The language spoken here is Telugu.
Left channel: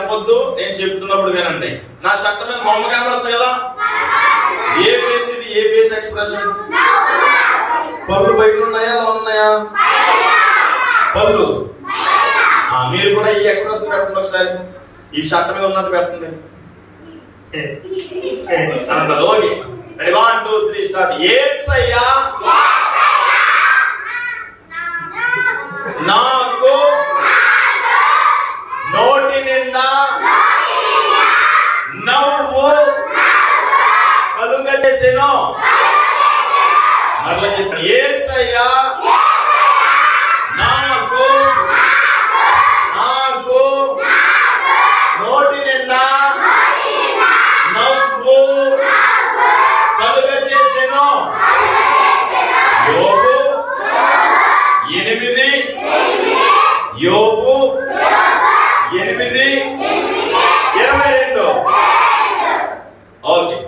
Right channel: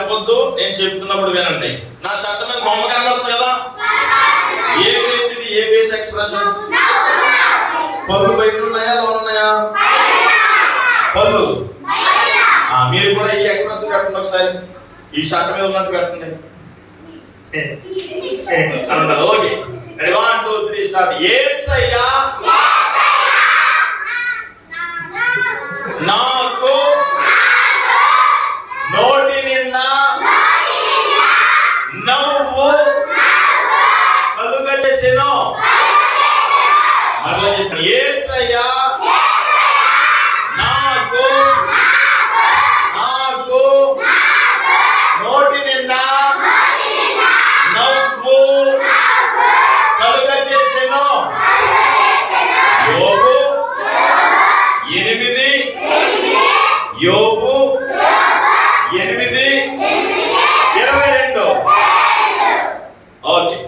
తెంపొద్దు, నేను చెప్తున్నప్పుడు వినండి. నా షర్ట్ మీద బొమ్మ కనబడుతుంది కదా, ఏ ఫేస్ ఇది? ఏ ఫేస్ ఎక్స్ప్రెషన్? పళ్ళు బయట ఉన్నాయా, లోన్ ఉన్నాయా? పళ్ళు. మీరు కూడా ఈ ఎక్స్ప్రెషన్ పెట్టండి ఒకసారి. ఈ షర్ట్ మీద ఉన్నట్టు పెట్టండి. అంటారు. Okay, 1 2 3 start. యేసయ్యా నాకు నోటి నిండా నవ్వు కలుగజేసెను. మరలా చెప్పండి. యేసయ్యా నాకు నోటి నిండా నవ్వు కలుగజేసెను. యోబు 8 యోబు 8:22. ఓకే,